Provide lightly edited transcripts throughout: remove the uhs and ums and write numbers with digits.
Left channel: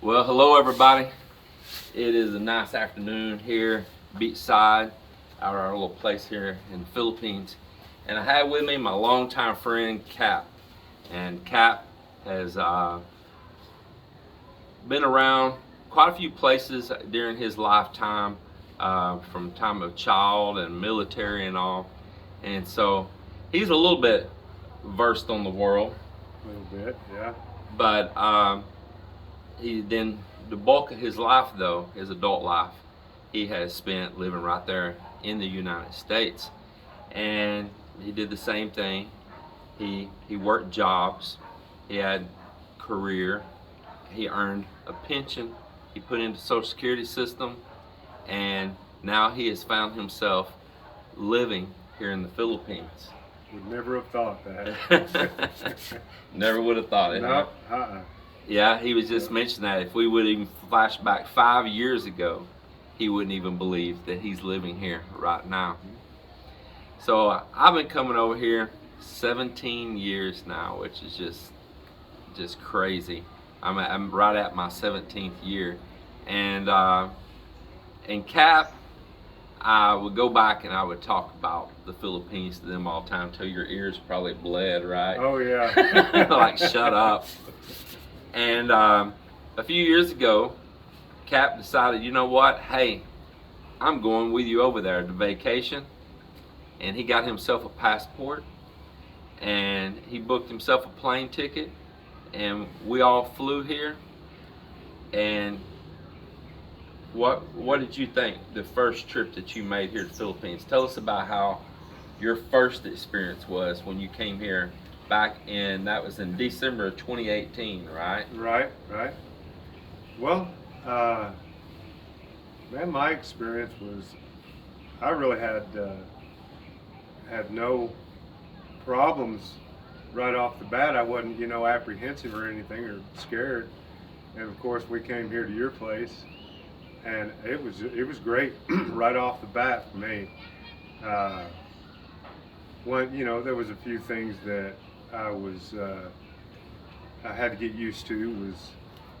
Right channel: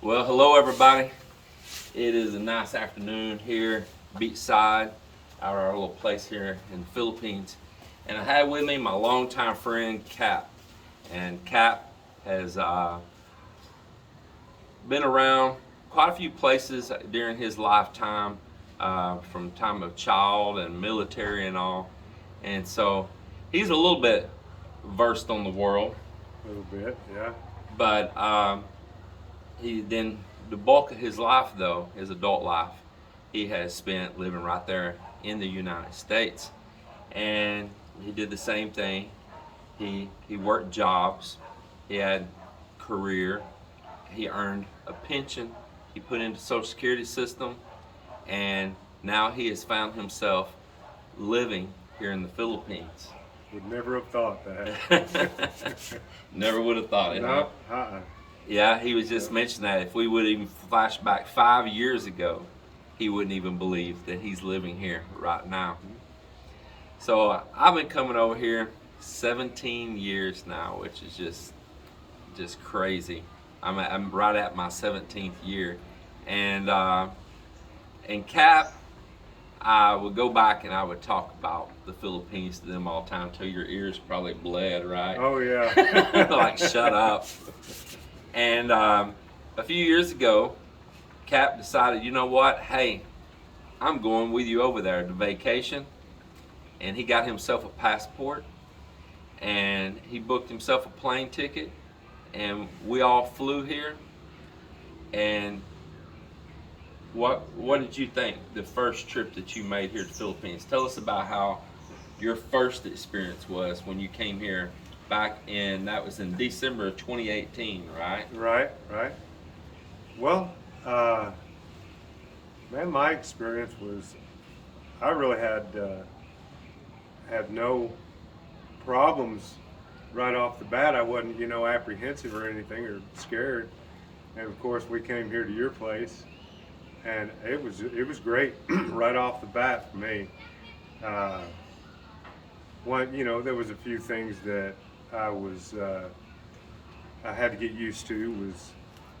Well, hello everybody. It is a nice afternoon here, beachside, out at our little place here in the Philippines. And I have with me my longtime friend Cap. And Cap has been around quite a few places during his lifetime, from time of child and military and all. And so he's a little bit versed on the world. A little bit, yeah. But he then the bulk of his life, though, his adult life, he has spent living right there in the United States. And he did the same thing. He worked jobs. He had career. He earned a pension. He put into the Social Security system, and now he has found himself living here in the Philippines. Would never have thought that. Never would have thought it. No, Huh? Yeah, he was just mentioning that if we would even flash back 5 years ago, he wouldn't even believe that he's living here right now. So I've been coming over here 17 years now, which is just crazy. I'm right at my 17th year, and Cap, I would go back and I would talk about the Philippines to them all the time till your ears probably bled, right? Oh yeah. Like, shut up. And a few years ago, Cap decided, you know what? Hey, I'm going with you over there to vacation. And he got himself a passport, and he booked himself a plane ticket, and we all flew here. And what did you think the first trip that you made here to the Philippines? Tell us about how your first experience was when you came here that was in December of 2018, right? Right. Well, man, my experience was, I really had no problems right off the bat. I wasn't, apprehensive or anything or scared. And of course, we came here to your place, and it was great right off the bat for me. There was a few things that I had to get used to. Was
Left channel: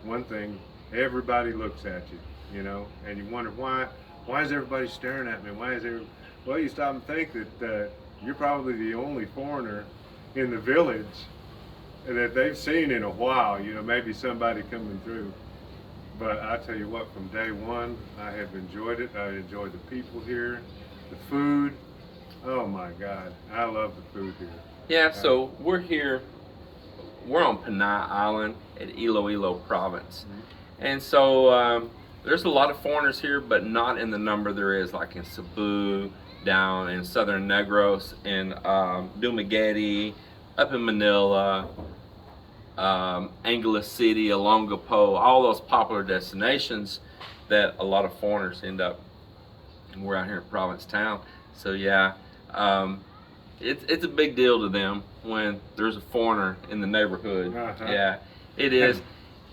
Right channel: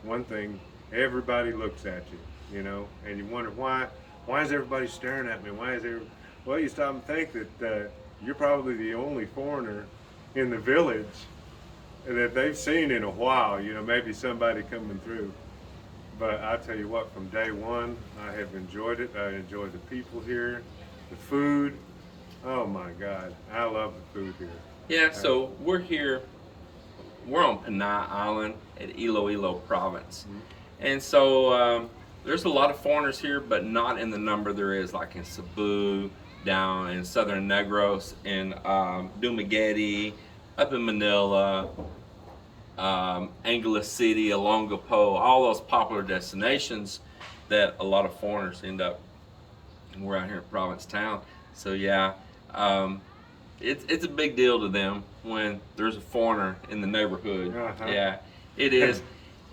one thing, everybody looks at you, and you wonder why is everybody staring at me? Well, you stop and think that you're probably the only foreigner in the village that they've seen in a while, maybe somebody coming through. But I tell you what, from day one, I have enjoyed it. I enjoyed the people here, the food. Oh my God, I love the food here. Yeah, so we're on Panay Island at Iloilo province. Mm-hmm. And so there's a lot of foreigners here, but not in the number there is like in Cebu, down in southern Negros, in Dumaguete, up in Manila, Angeles City, Olongapo, all those popular destinations that a lot of foreigners end up. We're out here in Provincetown. So yeah, it's a big deal to them when there's a foreigner in the neighborhood. Uh-huh. Yeah, it is.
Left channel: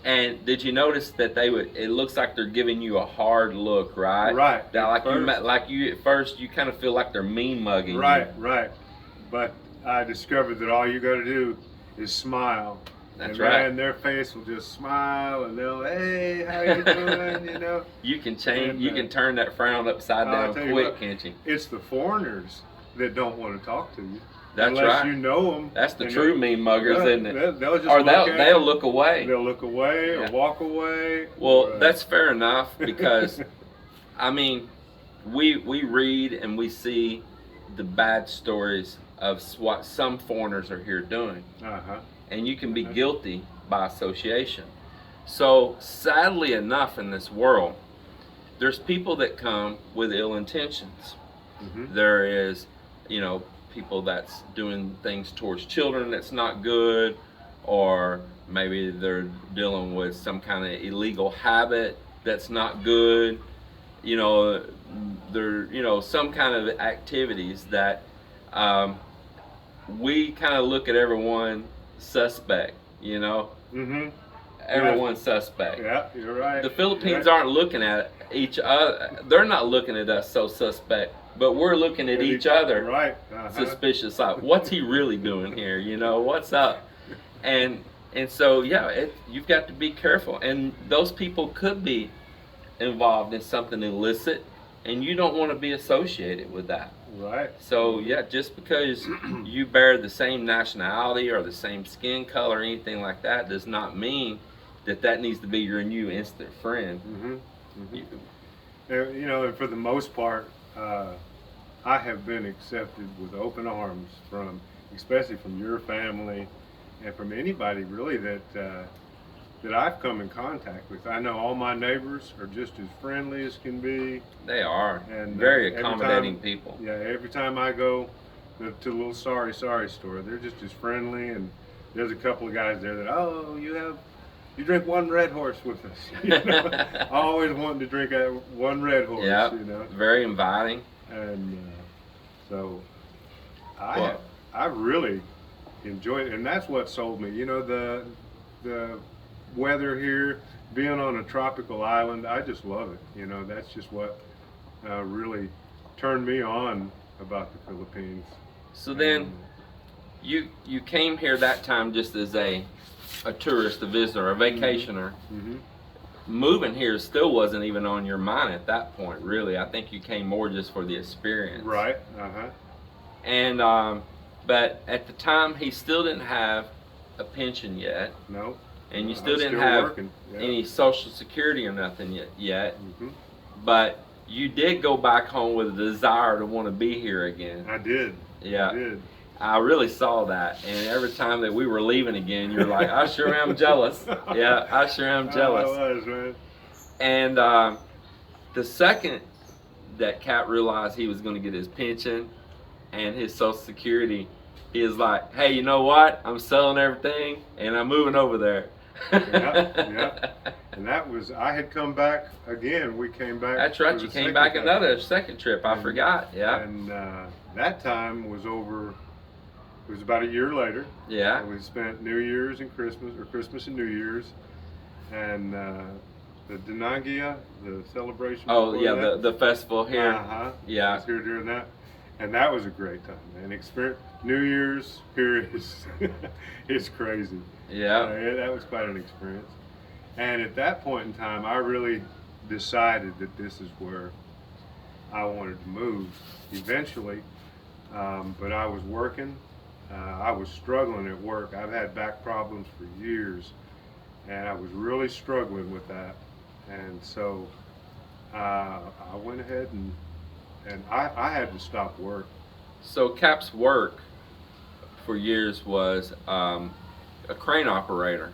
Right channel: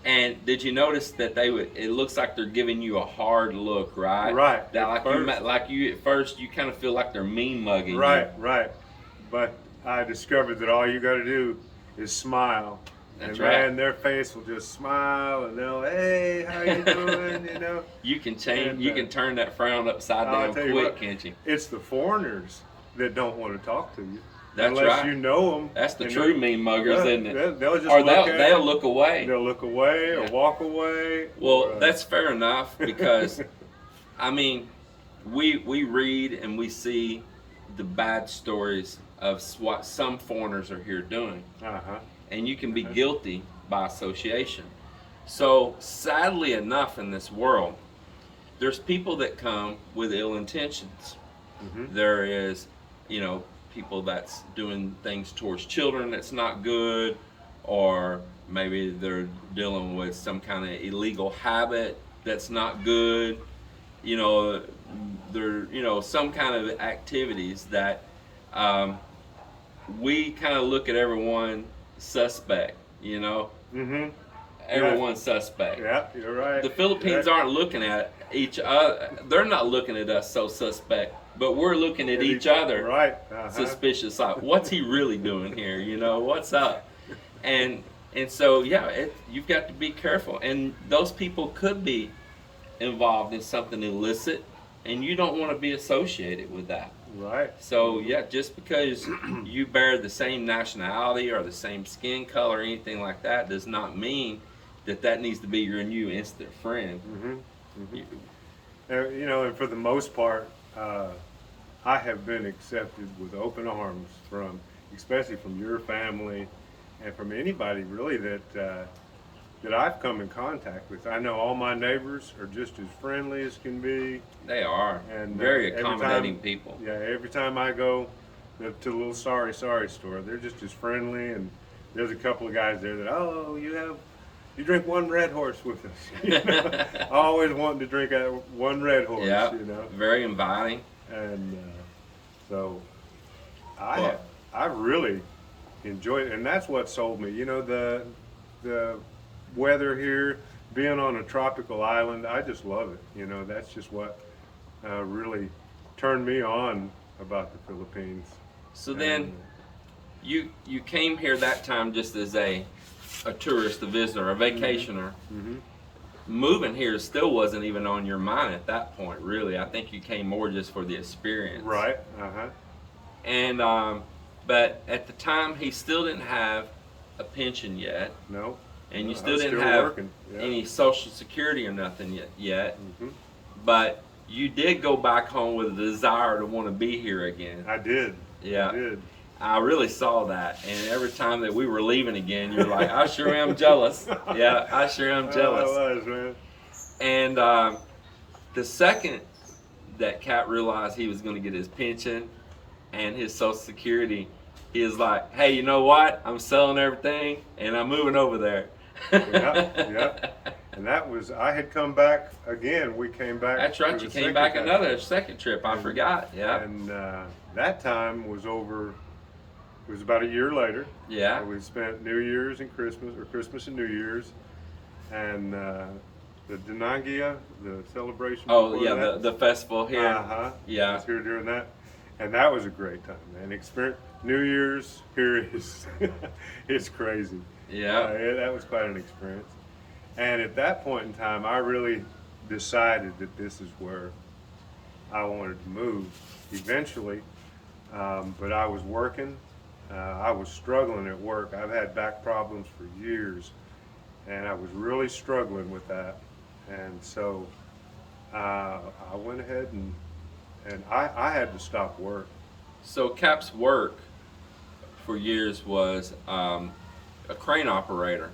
And did you notice that it looks like they're giving you a hard look, right? Right. That like you at first, you kind of feel like they're mean mugging you. Right. But I discovered that all you got to do is smile. That's and right. Man, their face will just smile, and they'll, hey, how you doing? You can change. And, you can turn that frown upside down quick, can't you? It's the foreigners that don't want to talk to you. That's unless right. You know them. That's the true mean muggers, isn't it? They'll just they'll look away. They'll look away Yeah. or walk away. Well, that's fair enough, because I mean, we read and we see the bad stories of what some foreigners are here doing, and you can be guilty by association. So sadly enough, in this world, there's people that come with ill intentions. Mm-hmm. There is, people that's doing things towards children that's not good, or maybe they're dealing with some kind of illegal habit that's not good. There, some kind of activities that we kind of look at everyone suspect. Mm-hmm. Everyone's suspect. Yeah, you're right. The Philippines aren't looking at each other. They're not looking at us so suspect, but we're looking at each other right. suspicious. Like, what's he really doing here? What's up? And And so, yeah, you've got to be careful. And those people could be involved in something illicit, and you don't want to be associated with that. Right. So, yeah, just because you bear the same nationality or the same skin color or anything like that does not mean that that needs to be your new instant friend. Mm-hmm. Mm-hmm. You know, and for the most part, I have been accepted with open arms from, especially from your family, and from anybody really that I've come in contact with. I know all my neighbors are just as friendly as can be. They are And very every accommodating time- people. Yeah, every time I go to the little sorry store, they're just as friendly. And there's a couple of guys there that, oh, you drink one Red Horse with us. You know? Always wanting to drink one Red Horse. Yeah, You know, very inviting. and so Well- I really enjoyed it, and that's what sold me. You know, the weather here, being on a tropical island, I just love it. You know, that's just what really turned me on about the Philippines. So then, you came here that time just as a tourist, a visitor, a vacationer. Mm-hmm. Moving here still wasn't even on your mind at that point, really. I think you came more just for the experience. Right. Uh-huh. And but at the time, he still didn't have a pension yet, No. and you No, still I'm didn't still have working. Yeah. any Social Security or nothing yet. Mm-hmm. But you did go back home with a desire to want to be here again. I did. Yeah. I did. I really saw that, and every time that we were leaving again, you're like, I sure am jealous. Yeah, I sure am jealous. I was, man. And the second that Cat realized he was going to get his pension and his Social Security, he was like, hey, you know what? I'm selling everything, and I'm moving over there. Yeah. And that was, I had come back again. We came back. That's right. for You the came second back time. another second trip. I And- forgot. Yeah. And that time was over. It was about a year later. Yeah. We spent New Year's and Christmas, or Christmas and New Year's, and the Dinangia, the celebration. Oh, before yeah, that. the festival here. Uh-huh. Yeah. I was here during that, and that was a great time. And experience New Year's here is it's crazy. Yeah. That was quite an experience. And at that point in time, I really decided that this is where I wanted to move eventually. But I was working. I was struggling at work. I've had back problems for years, and I was really struggling with that. And so I went ahead and I had to stop work. So Cap's work for years was a crane operator,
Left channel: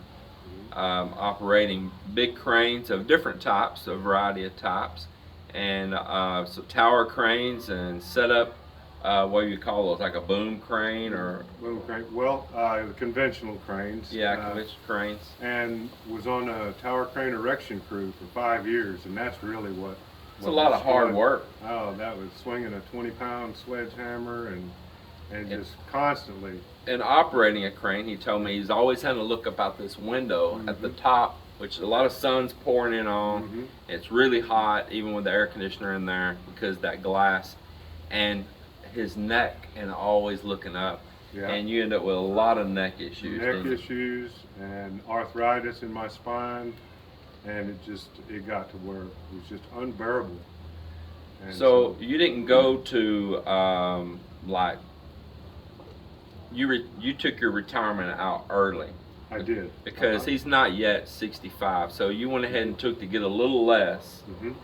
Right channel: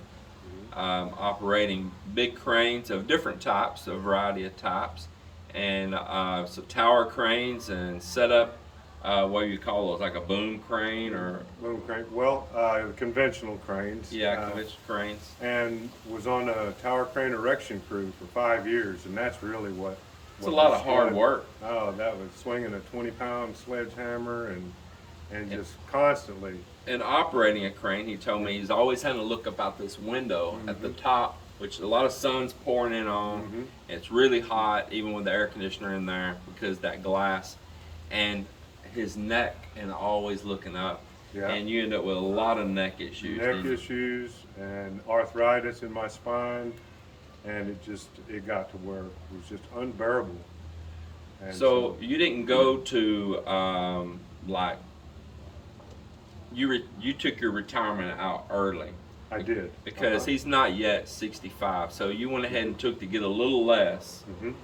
operating big cranes of different types, a variety of types, and so tower cranes and set up what do you call those, like a boom crane or Boom crane. Well, conventional cranes. conventional cranes. And was on a tower crane erection crew for 5 years, and that's really what. It's a lot of hard work. Oh, that was swinging a 20-pound sledgehammer and just constantly. In operating a crane, he told me he's always had to look up out this window at the top, which a lot of sun's pouring in on. Mhm. It's really hot, even with the air conditioner in there, because that glass, and his neck, and always looking up. Yeah. And you end up with a lot of neck issues. Neck didn't you? issues and arthritis in my spine, and it got to where it was just unbearable. And So you didn't go to like you took your retirement out early I did. because he's not yet 65. So you went ahead and took to get a little less Mhm.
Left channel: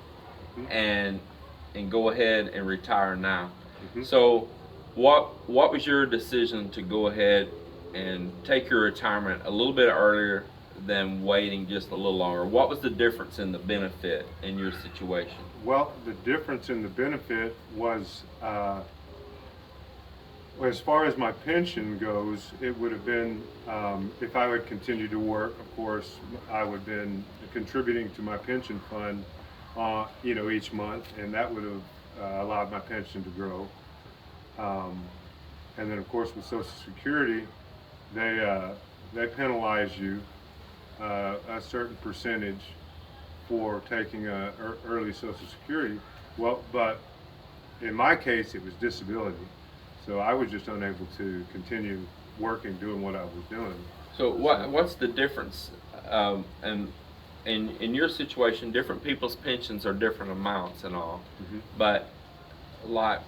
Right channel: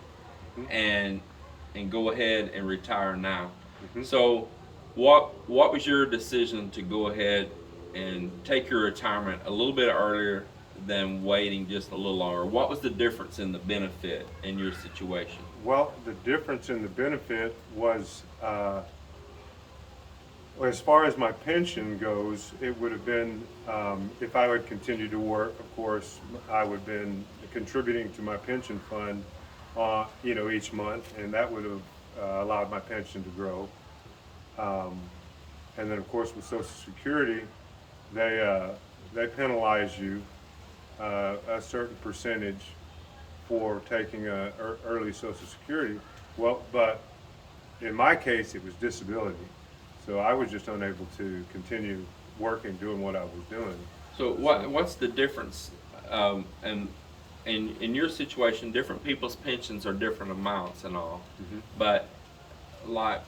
and go ahead and retire now. Mhm. So what was your decision to go ahead and take your retirement a little bit earlier than waiting just a little longer? What was the difference in the benefit in your situation? Well, the difference in the benefit was, as far as my pension goes, it would have been, if I would continue to work, of course, I would have been contributing to my pension fund, each month, and that would have allowed my pension to grow. And then, of course, with Social Security, they penalize you a certain percentage for taking early Social Security. Well, but in my case, it was disability. So I was just unable to continue working, doing what I was doing. So what's the difference? And in your situation, different people's pensions are different amounts and all, but like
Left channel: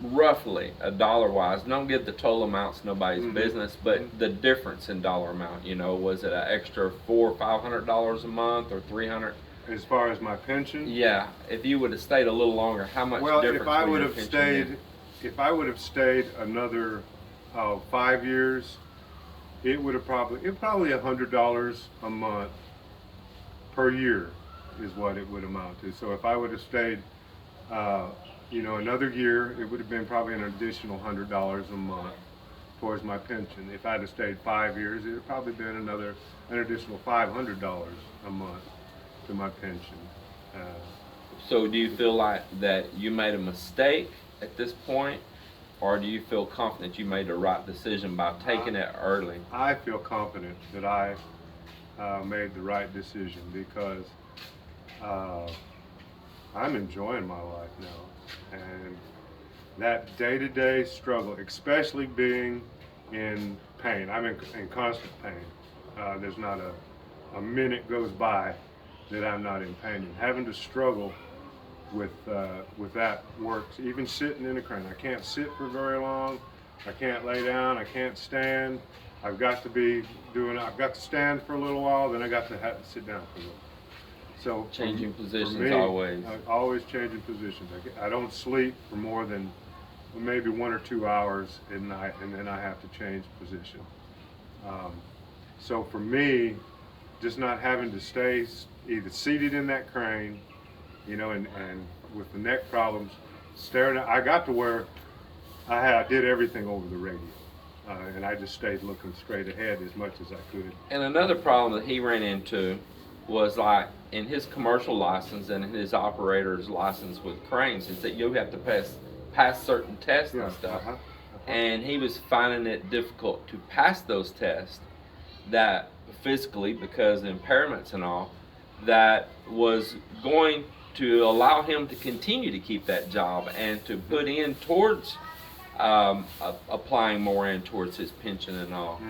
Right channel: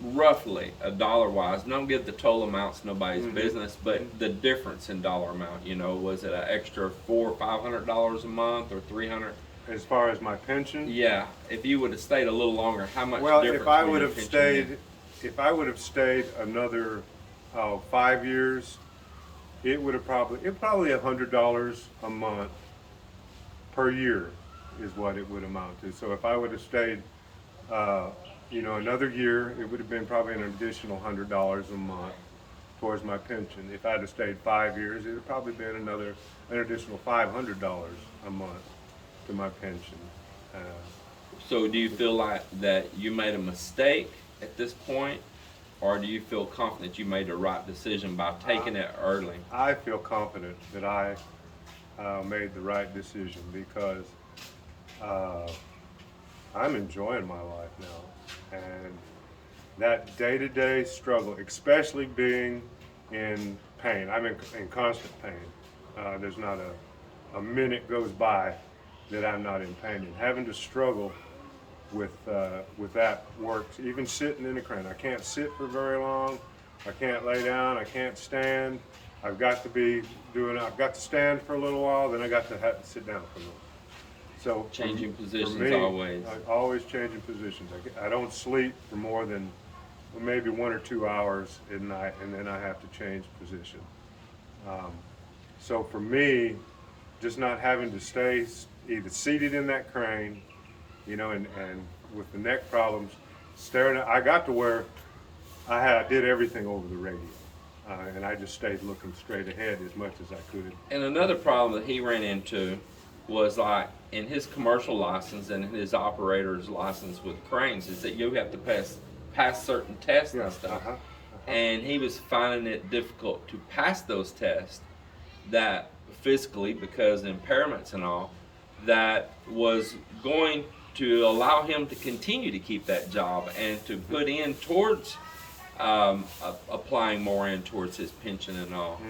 roughly a dollar wise, don't give the total amounts, nobody's business, but the difference in dollar amount, was it an extra $400 or $500 a month or 300? As far as my pension? Yeah, if you would have stayed a little longer, how much Well, difference if I would would your have pension stayed, been? if I would have stayed another 5 years, it would probably $100 a month per year is what it would amount to. So if I would have stayed, another year, it would have been probably an additional $100 a month towards my pension. If I'd have stayed 5 years, it would probably been an additional $500 a month to my pension. So do you feel like that you made a mistake at this point, or do you feel confident you made the right decision by taking it early? I feel confident that I made the right decision because I'm enjoying my life now, and that day-to-day struggle, especially being in pain. I'm in constant pain. There's not a minute goes by that I'm not in pain, and having to struggle with that works. Even sitting in a crane, I can't sit for very long. I can't lay down. I can't stand. I've got to stand for a little while, then I got to have to sit down for a little. So Changing positions for me, always. always changing positions. I don't sleep for more than maybe 1 or 2 hours at night, and then I have to change position. So for me, just not having to stay either seated in that crane, and with the neck problems, I got to where I did everything over the radio. And I just stayed looking straight ahead as much as I could. And another problem that he ran into was like in his commercial license and his operator's license with cranes is that you have to pass certain tests and stuff. And he was finding it difficult to pass those tests that physically, because of impairments and all, that was going to allow him to continue to keep that job and to put in towards applying more in towards his pension and all.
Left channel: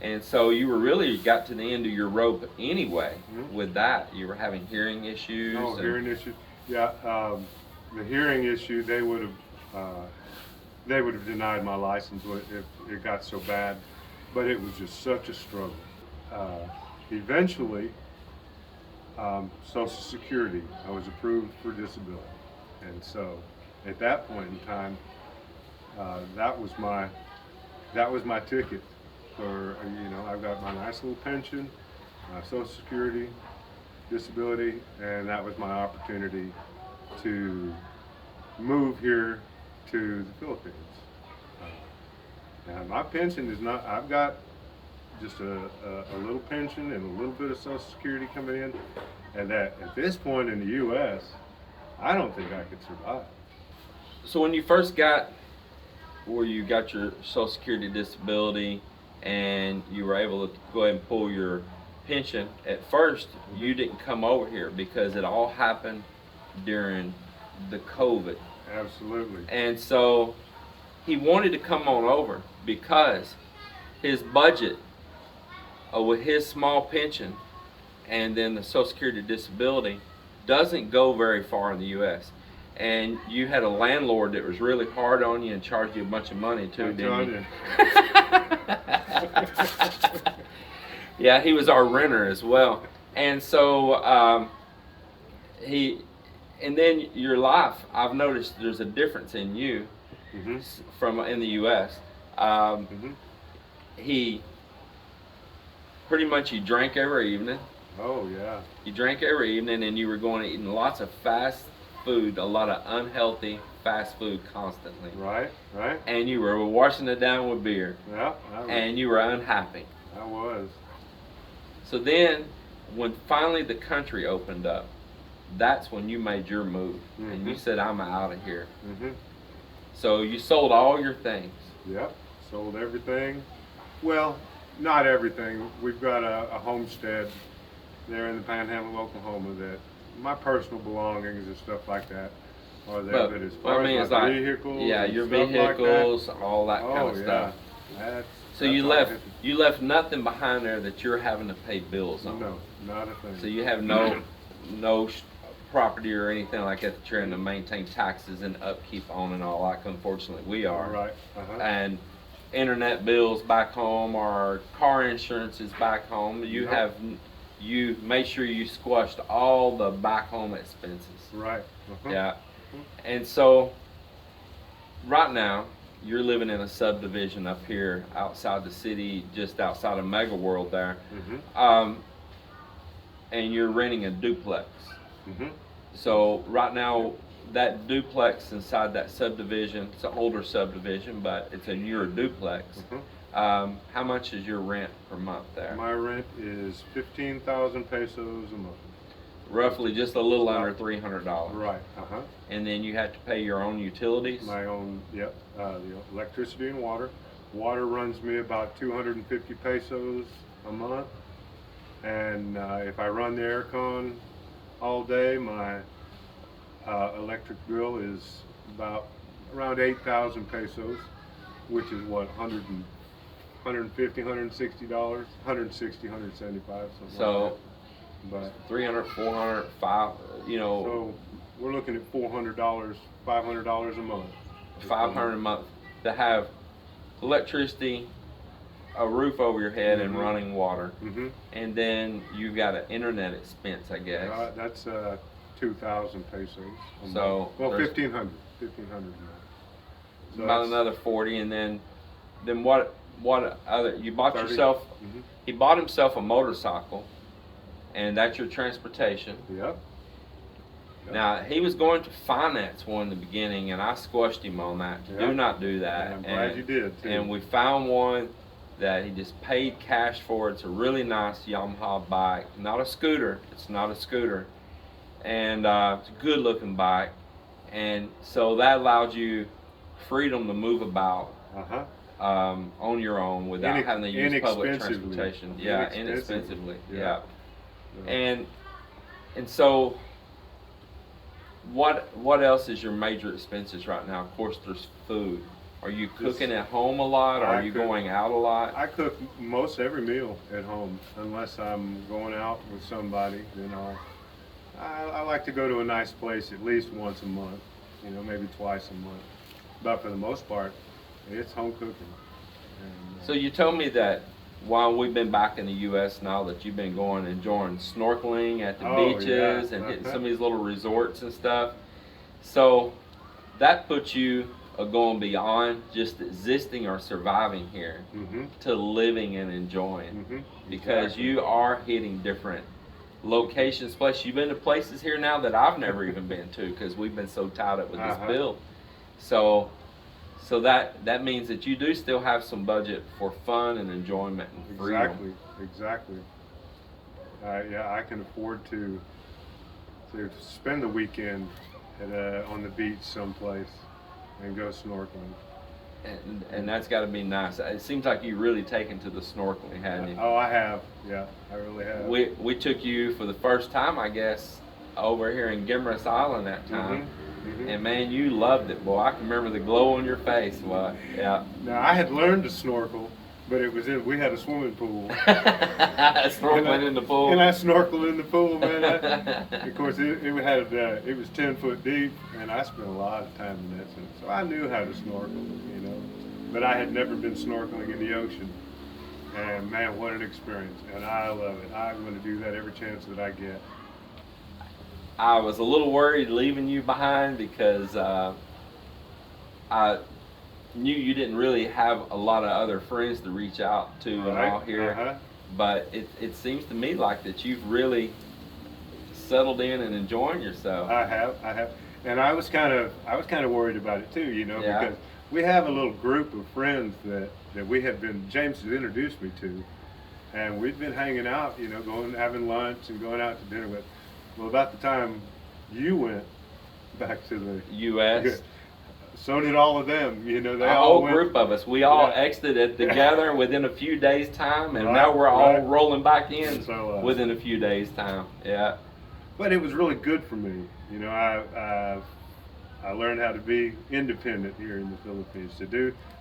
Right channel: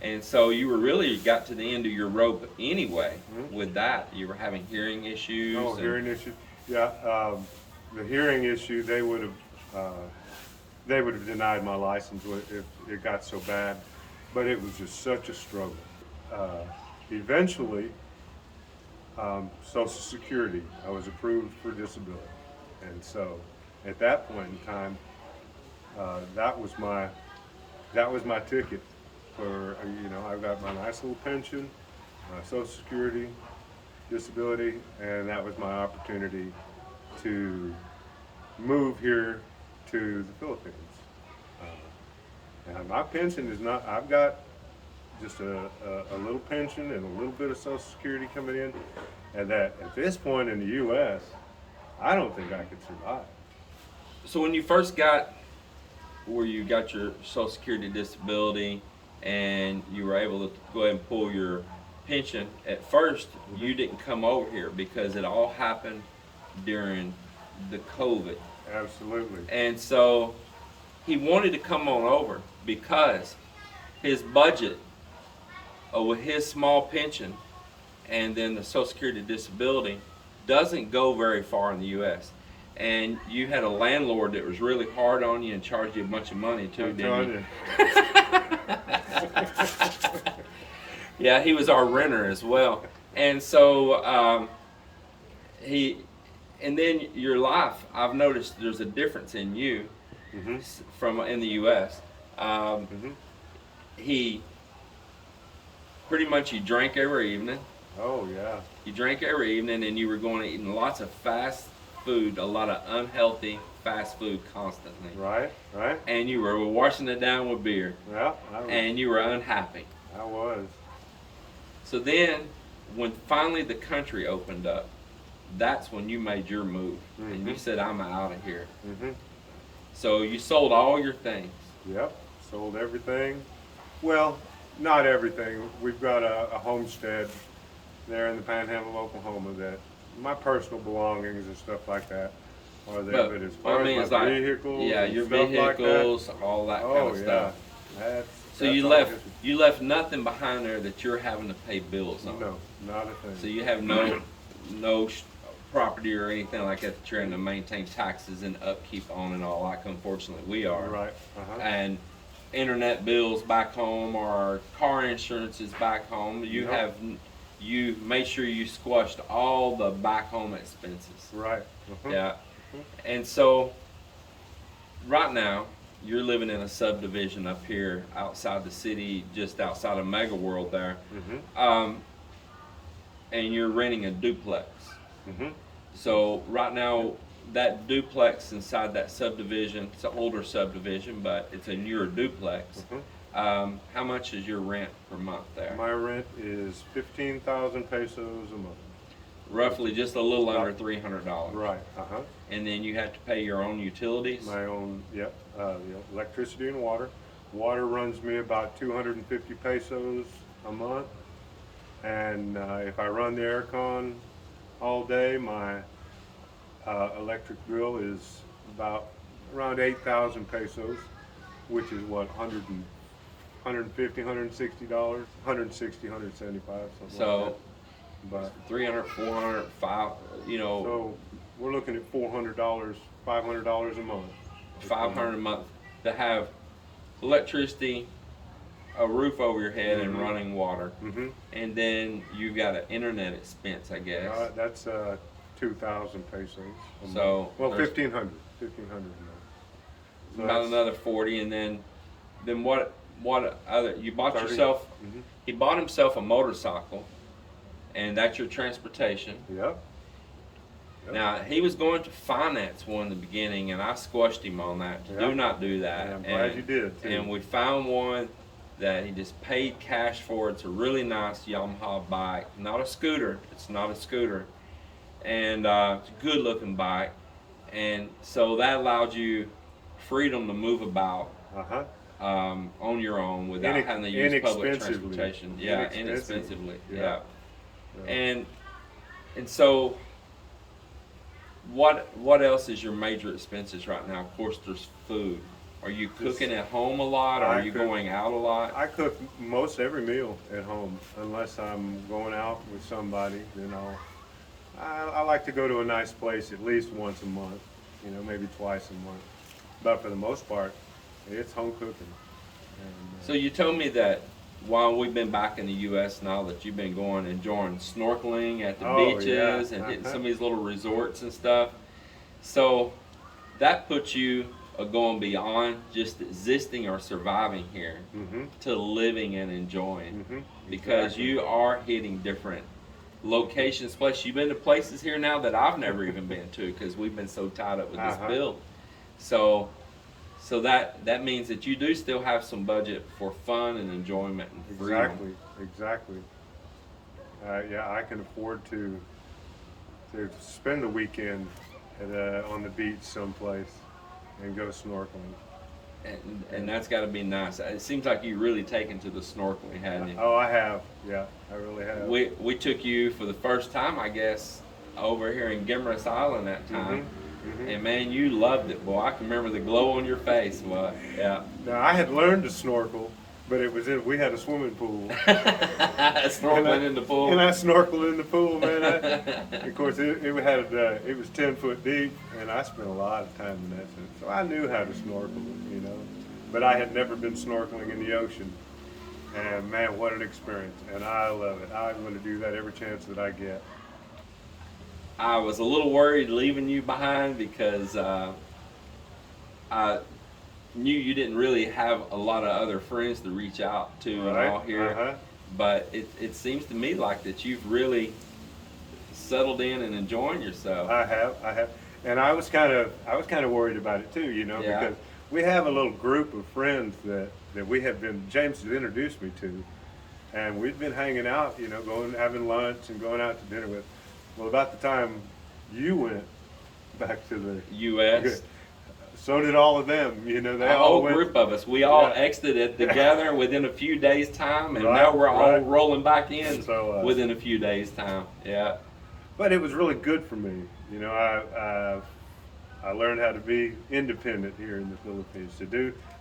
And so you were really got to the end of your rope anyway with that. You were having hearing issues. Oh, hearing issues. Yeah, the hearing issue, they would have denied my license if it got so bad. But it was just such a struggle. Eventually, Social Security, I was approved for disability. And so at that point in time, that was my ticket for, I've got my nice little pension, my Social Security, disability, and that was my opportunity to move here to the Philippines. Now my pension is not, I've got just a little pension and a little bit of Social Security coming in, and that at this point in the U.S., I don't think I could survive. So when you first got where you got your Social Security disability and you were able to go ahead and pull your pension, at first you didn't come over here because it all happened during the COVID. Absolutely. And so he wanted to come on over because his budget with his small pension and then the Social Security disability doesn't go very far in the U.S. And you had a landlord that was really hard on you and charged you a bunch of money too, didn't you? Yeah, he was our renter as well. And so and then your life, I've noticed there's a difference in you from in the U.S. He pretty much, you drank every evening. Oh yeah. You drank every evening, and you were going to eating lots of fast food, a lot of unhealthy fast food constantly. Right. And you were washing it down with beer. Yeah. And you were unhappy. I was. So then, when finally the country opened up, that's when you made your move, and you said, "I'm out of here." So you sold all your things. Yep. Sold everything. Well, not everything. We've got a homestead there in the Panhandle of Oklahoma that my personal belongings and stuff like that are there. But as far as my vehicles, yeah, your and stuff vehicles, like that, all that kind of stuff. So you left nothing behind there that you're having to pay bills on. No, not a thing. So you have no property or anything like that that you're having to maintain taxes and upkeep on and all, like unfortunately we are. Right. And internet bills back home or car insurance is back home. You made sure you squashed all the back home expenses. Right. Yeah. And so right now you're living in a subdivision up here outside the city, just outside of Mega World there. And you're renting a duplex. So right now that duplex inside that subdivision, it's an older subdivision, but it's a newer duplex. How much is your rent per month there? My rent is 15,000 pesos a month. Roughly just a little under $300. Right. And then you have to pay your own utilities? My own, yep. Electricity and water. Water runs me about 250 pesos a month. And if I run the aircon all day, my electric bill is around 8,000 pesos, which is what, $150, $160, $160, $175, something so, like that. But 300, 400, 5, So we're looking at $400, $500 a month. 500 a month to have electricity, a roof over your head, and running water. And then you've got an internet expense, I guess. That's 2,000 pesos a So month. Well, 1,500 a month. So about another 40, and then what other? You bought 30. yourself. He bought himself a motorcycle, and that's your transportation. Yep. Now he was going to finance one in the beginning, and I squashed him on that. Do not do that. And I'm glad you did too. And we found one that he just paid cash for. It's a really nice Yamaha bike, not a scooter. It's not a scooter, and it's a good looking bike. And so that allowed you freedom to move about on your own without having to use public transportation. Yeah, inexpensively. Yeah. And so what else is your major expenses right now? Of course, there's food. Are you cooking at home a lot, or are you going out a lot? I cook most every meal at home, unless I'm going out with somebody. I like to go to a nice place at least once a month, maybe twice a month. But for the most part, it's home cooking. And, so you told me that while we've been back in the U.S. now, that you've been enjoying snorkeling at the beaches and hitting some of these little resorts and stuff. So that puts you going beyond just existing or surviving here to living and enjoying, because you are hitting different locations. Plus, you've been to places here now that I've never even been to, because we've been so tied up with this bill. So that means that you do still have some budget for fun and enjoyment and freedom. Exactly. I can afford to spend the weekend on the beach someplace and go snorkeling. And that's got to be nice. It seems like you really taken to the snorkeling, hadn't you? Oh, I have. Yeah, I really have. We took you for the first time, I guess, over here in Gimmerus Island that time. And man, you loved it, boy. I can remember the glow on your face. Well, yeah. Now, I had learned to snorkel, but we had a swimming pool. Snorkeling in the pool. And I snorkeled in the pool, man. Of course, it was 10 foot deep, and I spent a lot of time in that. So I knew how to snorkel, but I had never been snorkeling in the ocean. And man, what an experience. And I love it. I'm going to do that every chance that I get. I was a little worried leaving you behind, because I knew you didn't really have a lot of other friends to reach out to and all here. But it seems to me like that you've really settled in and enjoying yourself. I have. And I was kind of worried about it too, because we have a little group of friends that James has introduced me to, and we've been hanging out, having lunch and going out to dinner with. Well, about the time you went back to the U.S., so did all of them. They a all whole group of us. We all exited together within a few days' time, and now we're all rolling back in within a few days' time. Yeah. But it was really good for me. I I learned how to be independent here in the Philippines.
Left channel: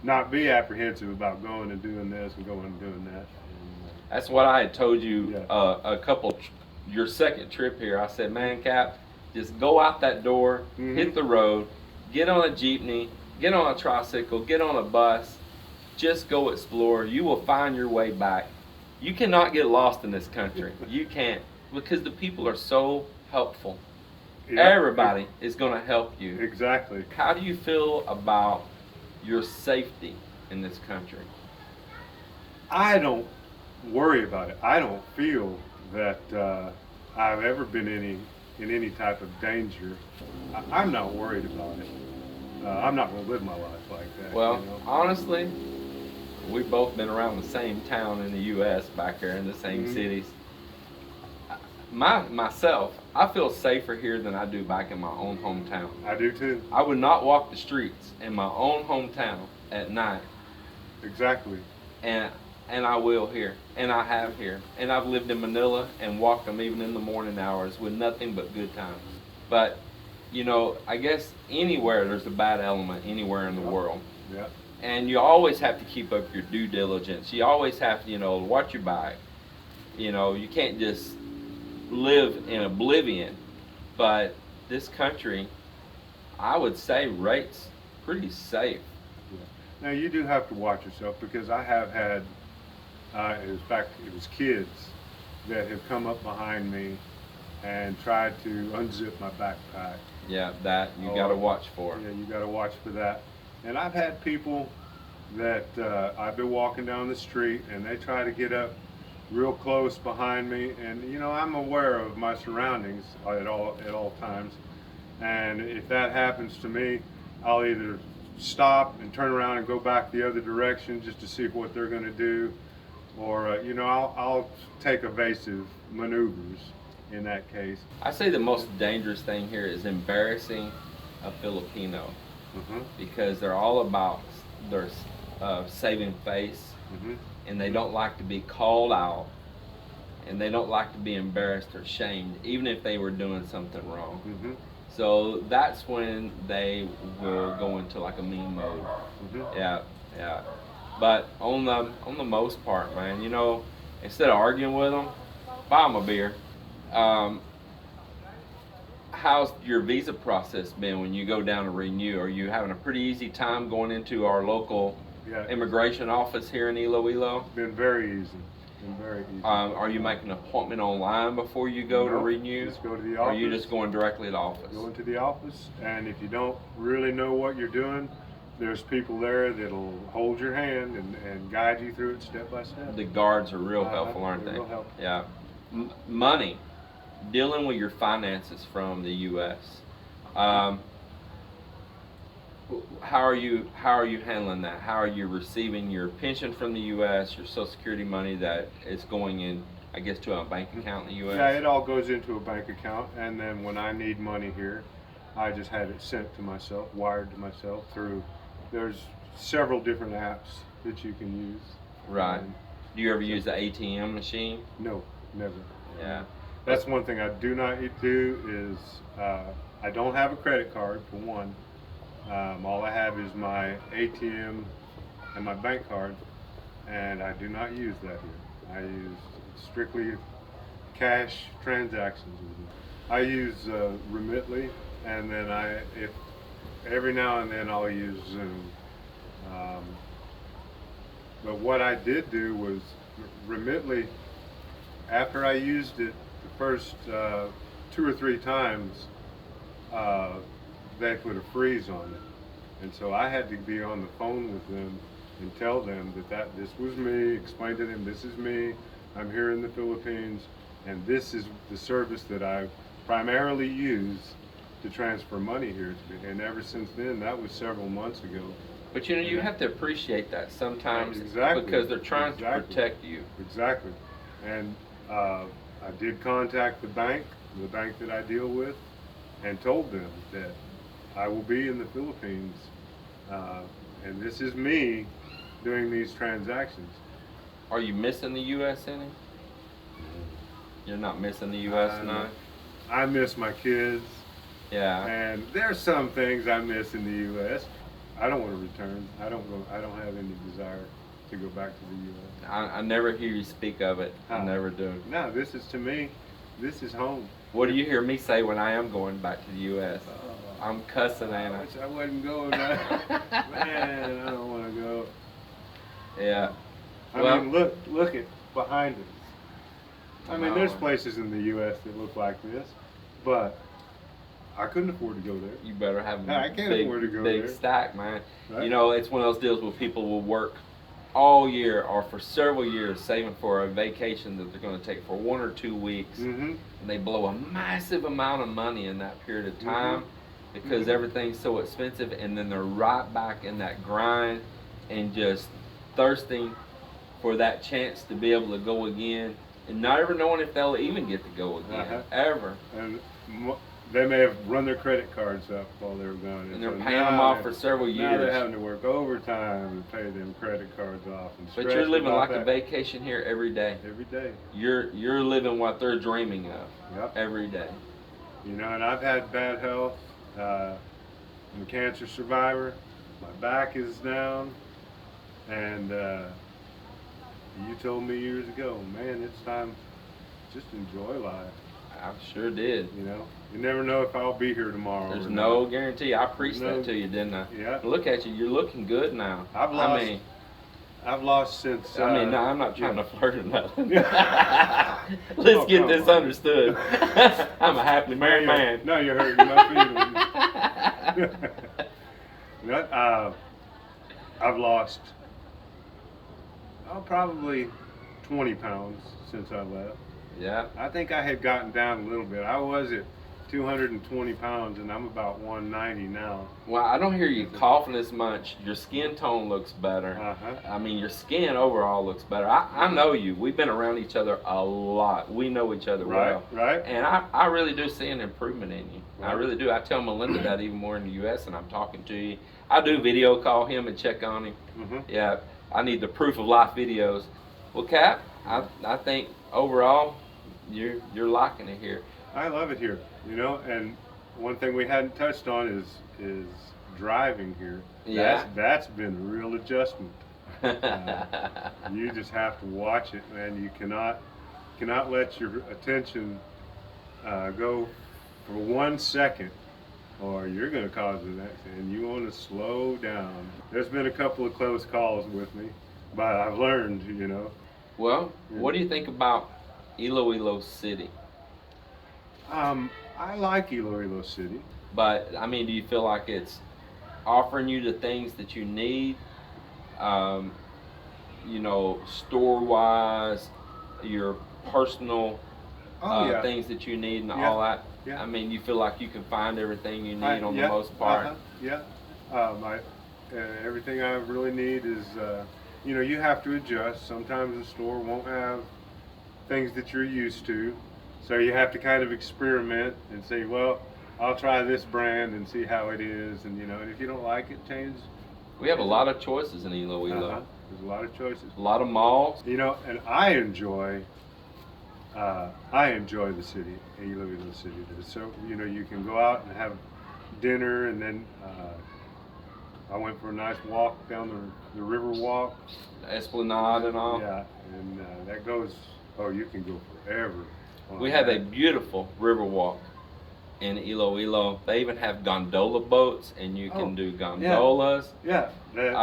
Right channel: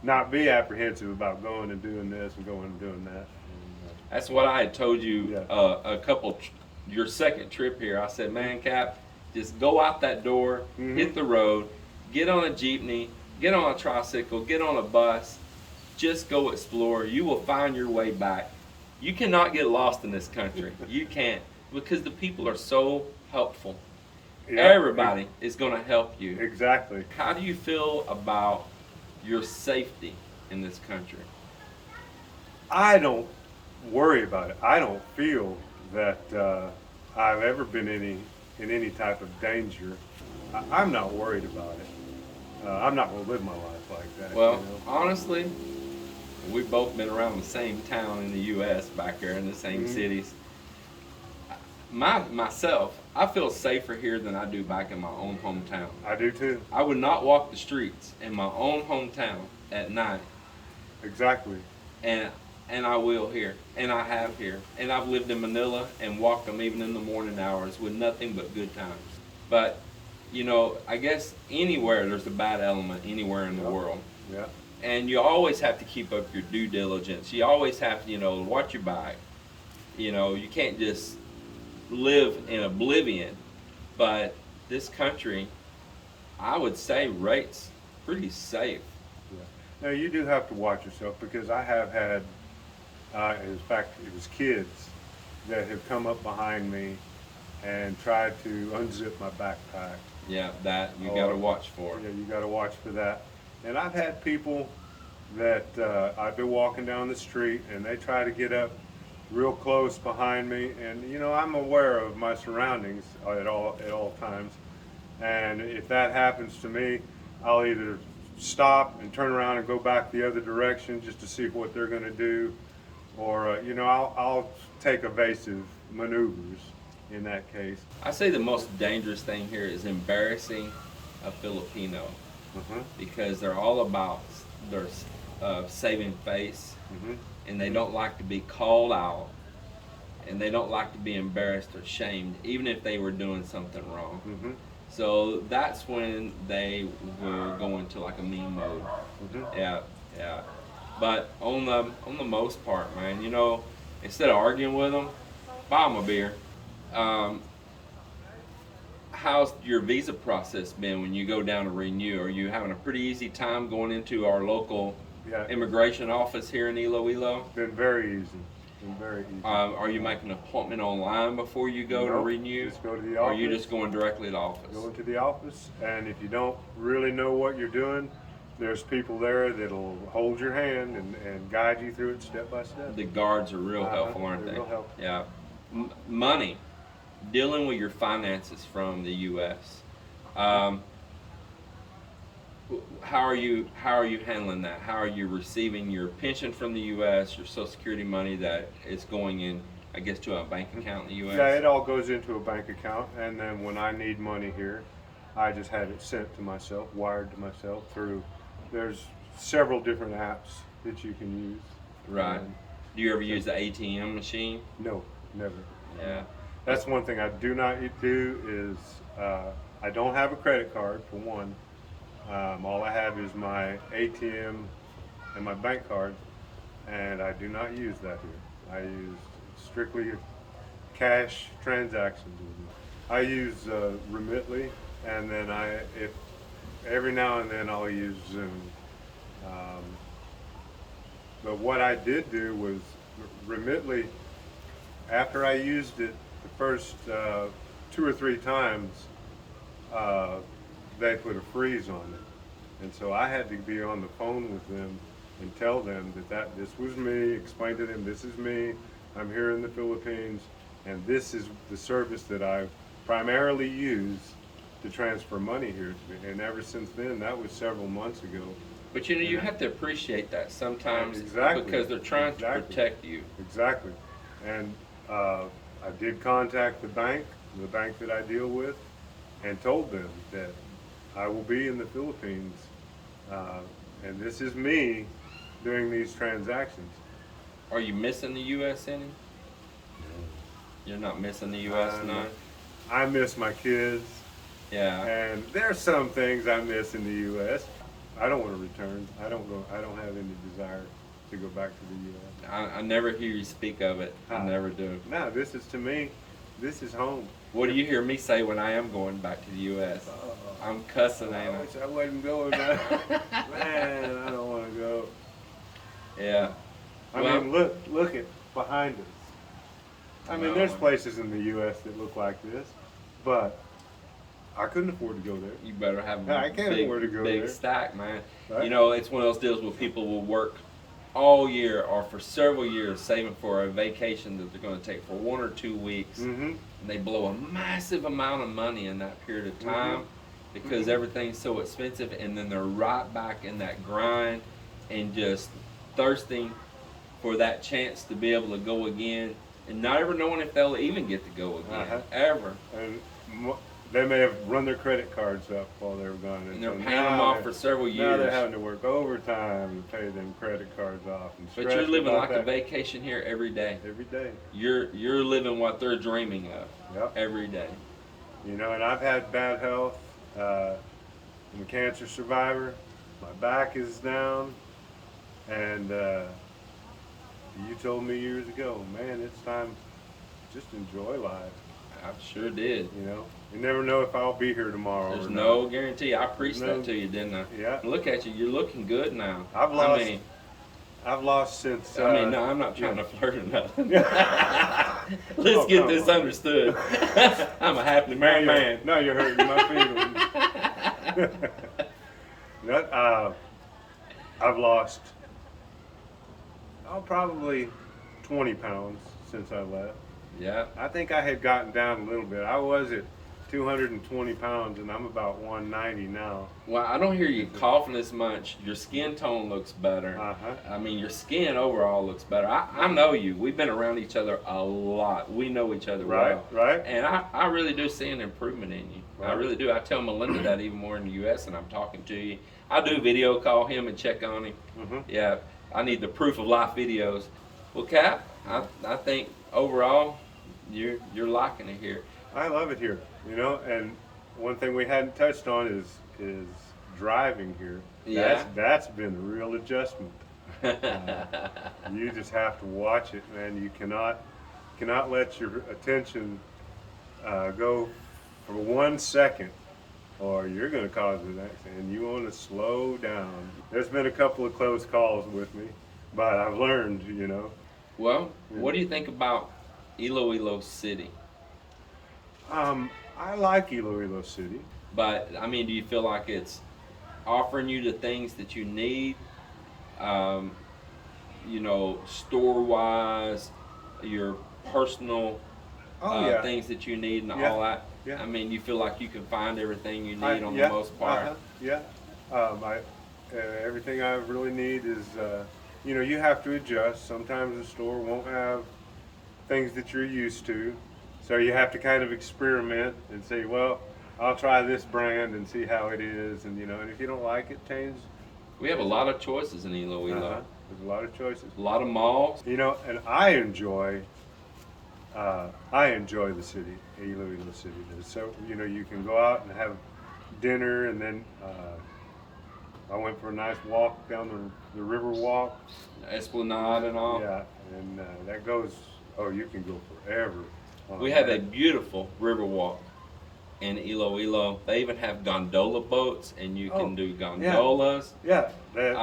Not be apprehensive about going and doing this and going and doing that. And, That's what I had told you Yeah. your second trip here. I said, man, Cap, just go out that door, hit the road, get on a jeepney, get on a tricycle, get on a bus, just go explore. You will find your way back. You cannot get lost in this country. You can't, because the people are so helpful. Yeah. Everybody is going to help you. Exactly. How do you feel about your safety in this country? I don't worry about it. I don't feel that I've ever been in any type of danger. I'm not worried about it. I'm not going to live my life like that. Well, you know? honestly, we've both been around the same town in the U.S. back here in the same cities. Myself, I feel safer here than I do back in my own hometown. I do too. I would not walk the streets in my own hometown at night. Exactly. And I will here, and I have here, and I've lived in Manila and walked them even in the morning hours with nothing but good times. But you know, I guess anywhere there's a bad element anywhere in the world. Yeah. And you always have to keep up your due diligence. You always have to, watch your back. You can't just live in oblivion. But this country, I would say, rates pretty safe. Yeah. Now you do have to watch yourself, because I have had, in fact, it was kids that have come up behind me and tried to unzip my backpack. Yeah, that you got to watch for. Yeah, you got to watch for that. And I've had people that I've been walking down the street and they try to get up real close behind me, and I'm aware of my surroundings at all times. And if that happens to me, I'll either stop and turn around and go back the other direction just to see what they're going to do, or I'll take evasive maneuvers in that case. I say the most dangerous thing here is embarrassing a Filipino, because they're all about their saving face, and they don't like to be called out, and they don't like to be embarrassed or shamed, even if they were doing something wrong. So that's when they will go into like a mean mode. Yeah. But on the most part, man, instead of arguing with them, buy them a beer. How's your visa process been when you go down to renew? Are you having a pretty easy time going into our local immigration office here in Iloilo? Been very easy. Been very easy. Are you making an appointment online before you go to renew? Just go to the or office. are you just going directly to the office? Go into the office, and if you don't really know what you're doing, there's people there that'll hold your hand and guide you through it step by step. The guards are real helpful, aren't they're they? real helpful. Yeah. Money, dealing with your finances from the U.S. How are you handling that? How are you receiving your pension from the U.S., your Social Security money that is going in, I guess, to a bank account in the U.S.? Yeah, it all goes into a bank account, and then when I need money here, I just have it sent to myself, wired to myself through. There's several different apps that you can use. Right. Do you ever use the ATM machine? No, never. Yeah. That's one thing I do not do is I don't have a credit card, for one. All I have is my ATM and my bank card, and I do not use that here. I use strictly cash transactions with it. I use Remitly, and then if every now and then I'll use Zoom. But what I did do was Remitly, after I used it the first 2 or 3 times, they put a freeze on it. And so I had to be on the phone with them and tell them that this was me, explain to them, this is me, I'm here in the Philippines, and this is the service that I primarily use to transfer money here. And ever since then, that was several months ago. But you have to appreciate that sometimes, Exactly. because they're trying to protect you. Exactly. And I did contact the bank that I deal with, and told them that I will be in the Philippines, and this is me doing these transactions. Are you missing the U.S. any? No. You're not missing the U.S. I'm none? I miss my kids. Yeah. And there's some things I miss in the U.S. I don't want to return. I don't go. I don't have any desire to go back to the U.S. I never hear you speak of it. I never do. No, this is to me. This is home. What do you hear me say when I am going back to the U.S.? I'm cussing, ain't I I? wish I wasn't going. Man, I don't want to go. Yeah. I Well- mean, look at behind us. I mean, No. there's places in the U.S. that look like this, but I couldn't afford to go there. You better have I a can't big, afford to go big there. stack, man. Right. You know, it's one of those deals where people will work all year or for several years saving for a vacation that they're going to take for 1 or 2 weeks, Mm-hmm. and they blow a massive amount of money in that period of time because Mhm. everything's so expensive, and then they're right back in that grind and just thirsting for that chance to be able to go again, and not ever knowing if they'll even get to go again, Uh-huh. ever. And they may have run their credit cards up while they were gone. And they're so paying now them off they- for several Now they're years. having to work overtime to pay them credit cards off. And But stressed you're living about like a that vacation here every day. every day. You're living what they're dreaming of Yep. every day. You know, and I've had bad health. I'm a cancer survivor. My back is down, and you told me years ago, man, it's time. Just enjoy life. I sure did. You know, you never know if I'll be here tomorrow. There's or no not. guarantee. I preached No- that to you, didn't I? Yeah. Look at you. You're looking good now. I've I lost. mean, I've lost since. no, I'm not trying to flirt or nothing. Yeah. Let's Oh, get come this on. understood. I'm a happily married man. No, you're hurting my feelings. No, I've lost, probably 20 pounds since I left. Yeah. I think I had gotten down a little bit. I was at 220 pounds, and I'm about 190 now. Well, I don't hear you coughing as much. Your skin tone looks better. Uh-huh. I mean, your skin overall looks better. I know you. We've been around each other a lot. We know each other well. Right. And I really do see an improvement in you. I Right. really do. I tell Melinda that even more in the U.S. and I'm talking to you. I do video call him and check on him. Mm-hmm. Yeah, I need the proof of life videos. Well, Cap, I think overall you're liking it here. I love it here, you know, and one thing we hadn't touched on is driving here. Yeah. That's been a real adjustment. You just have to watch it, man. You cannot let your attention go for 1 second, or you're going to cause an accident. You want to slow down. There's been a couple of close calls with me, but I've learned, you know. Well, what do you think about Iloilo City? I like Iloilo City. But I mean, do you feel like it's offering you the things that you need? You know, store wise, your personal Yeah. things that you need and Yeah. all that. Yeah. I mean, you feel like you can find everything you need on the Yeah, most part. Yeah. Everything I really need is, you know, you have to adjust. Sometimes the store won't have things that you're used to. So you have to kind of experiment and say, well, I'll try this brand and see how it is. And, you know, and if you don't like it, change. We have a lot of choices in Iloilo. There's a lot of choices. A lot of malls. You know, and I enjoy the city, Iloilo City. So, you know, you can go out and have dinner, and then I went for a nice walk down the river walk. Esplanade and all. Yeah, and that goes, you can go forever. on We have a that. beautiful river walk in Iloilo. They even have gondola boats, and you can do gondolas. Yeah, that,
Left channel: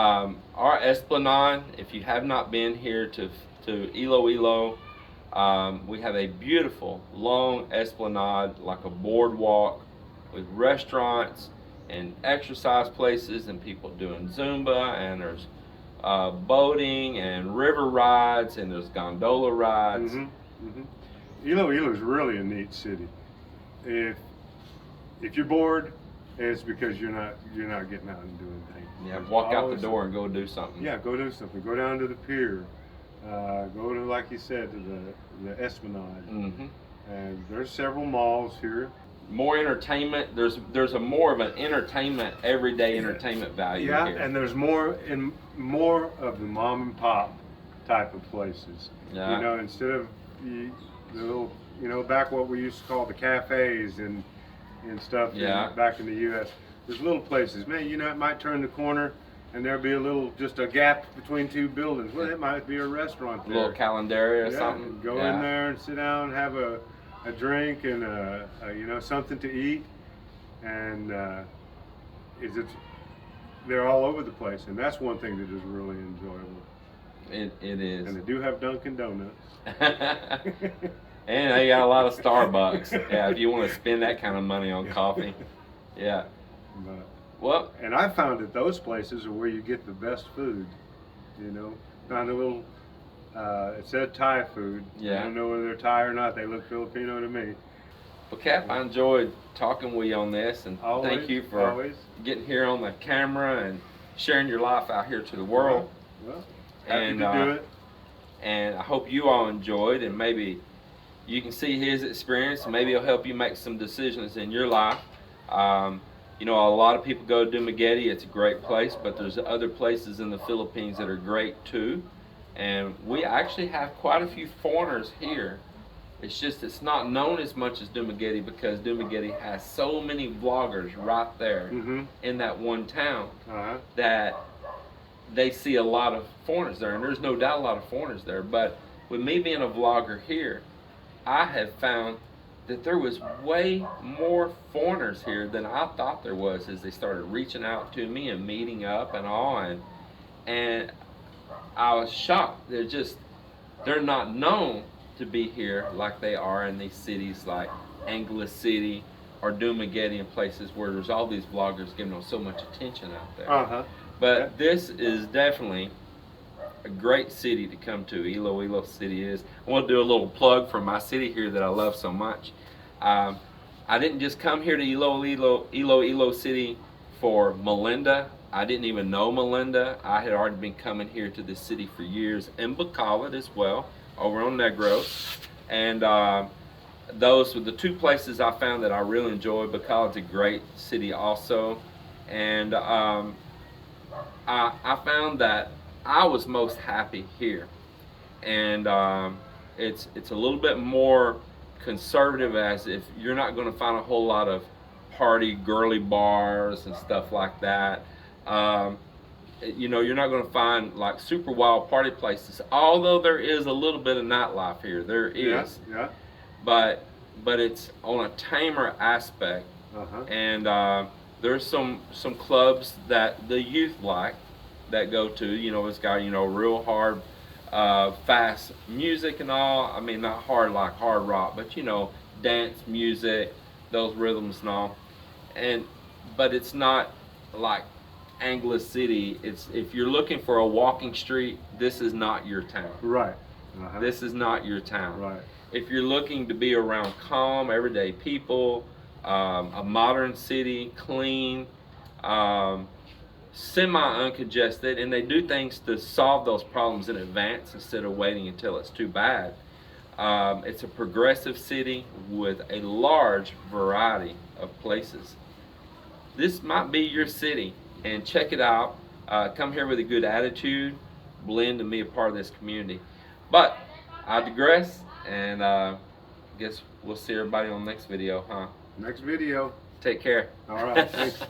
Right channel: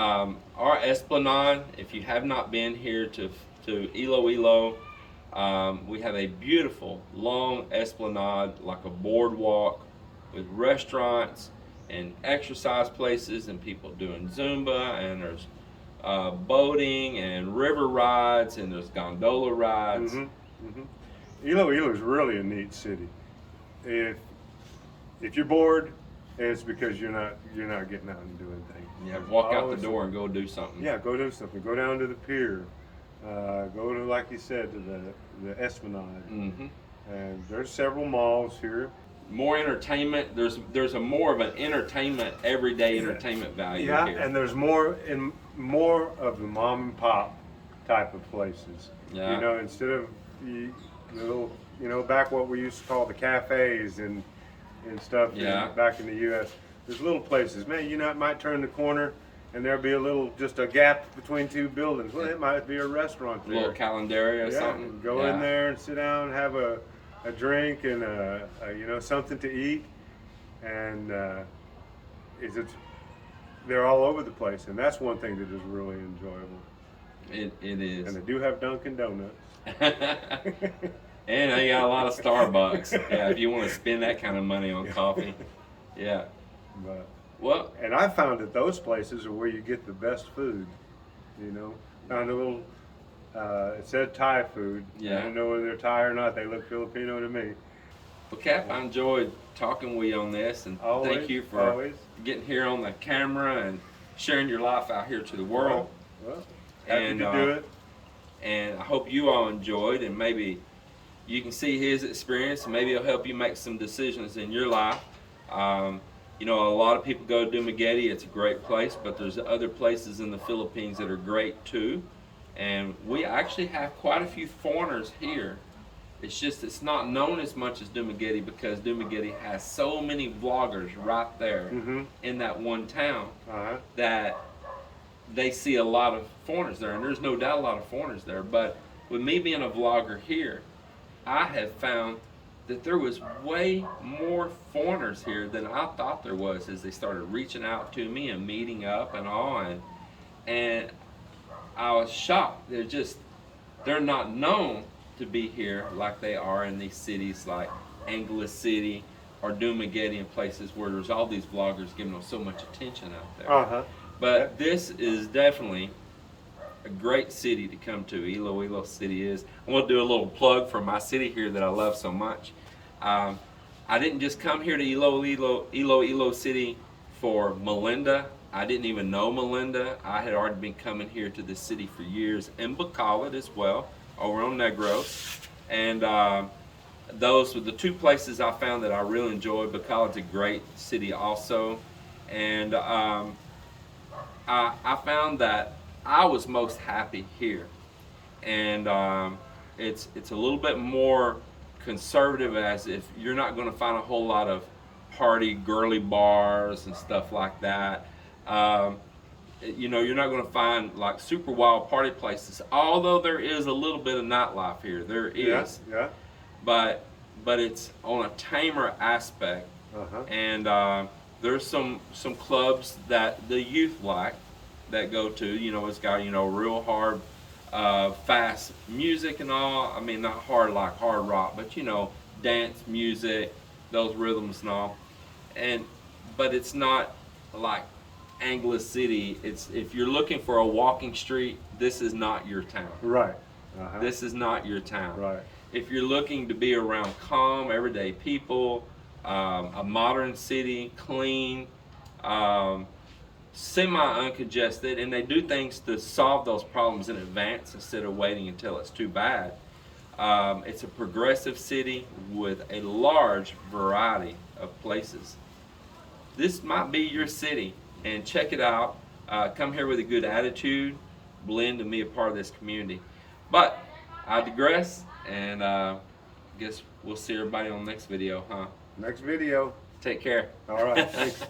Our Esplanade, if you have not been here to Iloilo, we have a beautiful long Esplanade, like a boardwalk with restaurants and exercise places and people doing Zumba, and there's boating and river rides, and there's gondola rides. Iloilo is really a neat city. If you're bored, it's because you're not getting out and doing things. Yeah, There's walk out the always door and go do something. Yeah, go do something. Go down to the pier. Go to, like you said, to the Esplanade. Hmm. And there's several malls here. More entertainment. There's a more of an entertainment, everyday entertainment value Yeah, here. and there's more of the mom and pop type of places. Yeah. You know, instead of the little, you know, back what we used to call the cafes and and stuff back in the U.S. There's little places, man. You know, it might turn the corner and there'll be just a gap between two buildings. Well, it might be a restaurant there. A little calendaria or yeah, something. Go in there and sit down, have a drink and you know, something to eat, and they're all over the place, and that's one thing that is really enjoyable. It is. And they do have Dunkin' Donuts. And they got a lot of Starbucks. Yeah, if you want to spend that kind of money on coffee. Yeah. But, well, and I found that those places are where you get the best food. You know, found a little. It said Thai food. Yeah. I don't know whether they're Thai or not. They look Filipino to me. Well, Cap, I enjoyed talking with you on this, and thank you for getting here on the camera and sharing your life out here to the world. Well, happy to do it. And I hope you all enjoyed, and maybe you can see his experience, and maybe it'll help you make some decisions in your life. You know, a lot of people go to Dumaguete. It's a great place, but there's other places in the Philippines that are great too. And we actually have quite a few foreigners here. It's just it's not known as much as Dumaguete because Dumaguete has so many vloggers right there in that one town that they see a lot of foreigners there, and there's no doubt a lot of foreigners there. But with me being a vlogger here, I have found that there was way more foreigners here than I thought there was as they started reaching out to me and meeting up and all, and I was shocked. They're not known to be here like they are in these cities like Angeles City or Dumaguete and places where there's all these vloggers giving them so much attention out there. But this is definitely a great city to come to. Iloilo City is. I want to do a little plug for my city here that I love so much. I didn't just come here to Iloilo City for Melinda. I didn't even know Melinda. I had already been coming here to this city for years, and Bacolod as well, over on Negros. And those were the two places I found that I really enjoyed. Bacolod's a great city also. And I found that I was most happy here. And it's a little bit more conservative, as if you're not going to find a whole lot of party girly bars and stuff like that. You know, you're not going to find like super wild party places, although there is a little bit of nightlife here. There is, but it's on a tamer aspect. And there's some clubs that the youth like that go to. You know, it's got, you know, real hard fast music and all. I mean, not hard like hard rock, but you know, dance music, those rhythms and all. But it's not like Angeles City. It's, if you're looking for a walking street, this is not your town. Right. This is not your town. Right. If you're looking to be around calm, everyday people, a modern city, clean, semi-uncongested, and they do things to solve those problems in advance instead of waiting until it's too bad. It's a progressive city with a large variety of places. This might be your city, and check it out. Come here with a good attitude, blend and be a part of this community. But I digress, and I guess we'll see everybody on the next video, huh? Next video. Take care. All right. Thanks.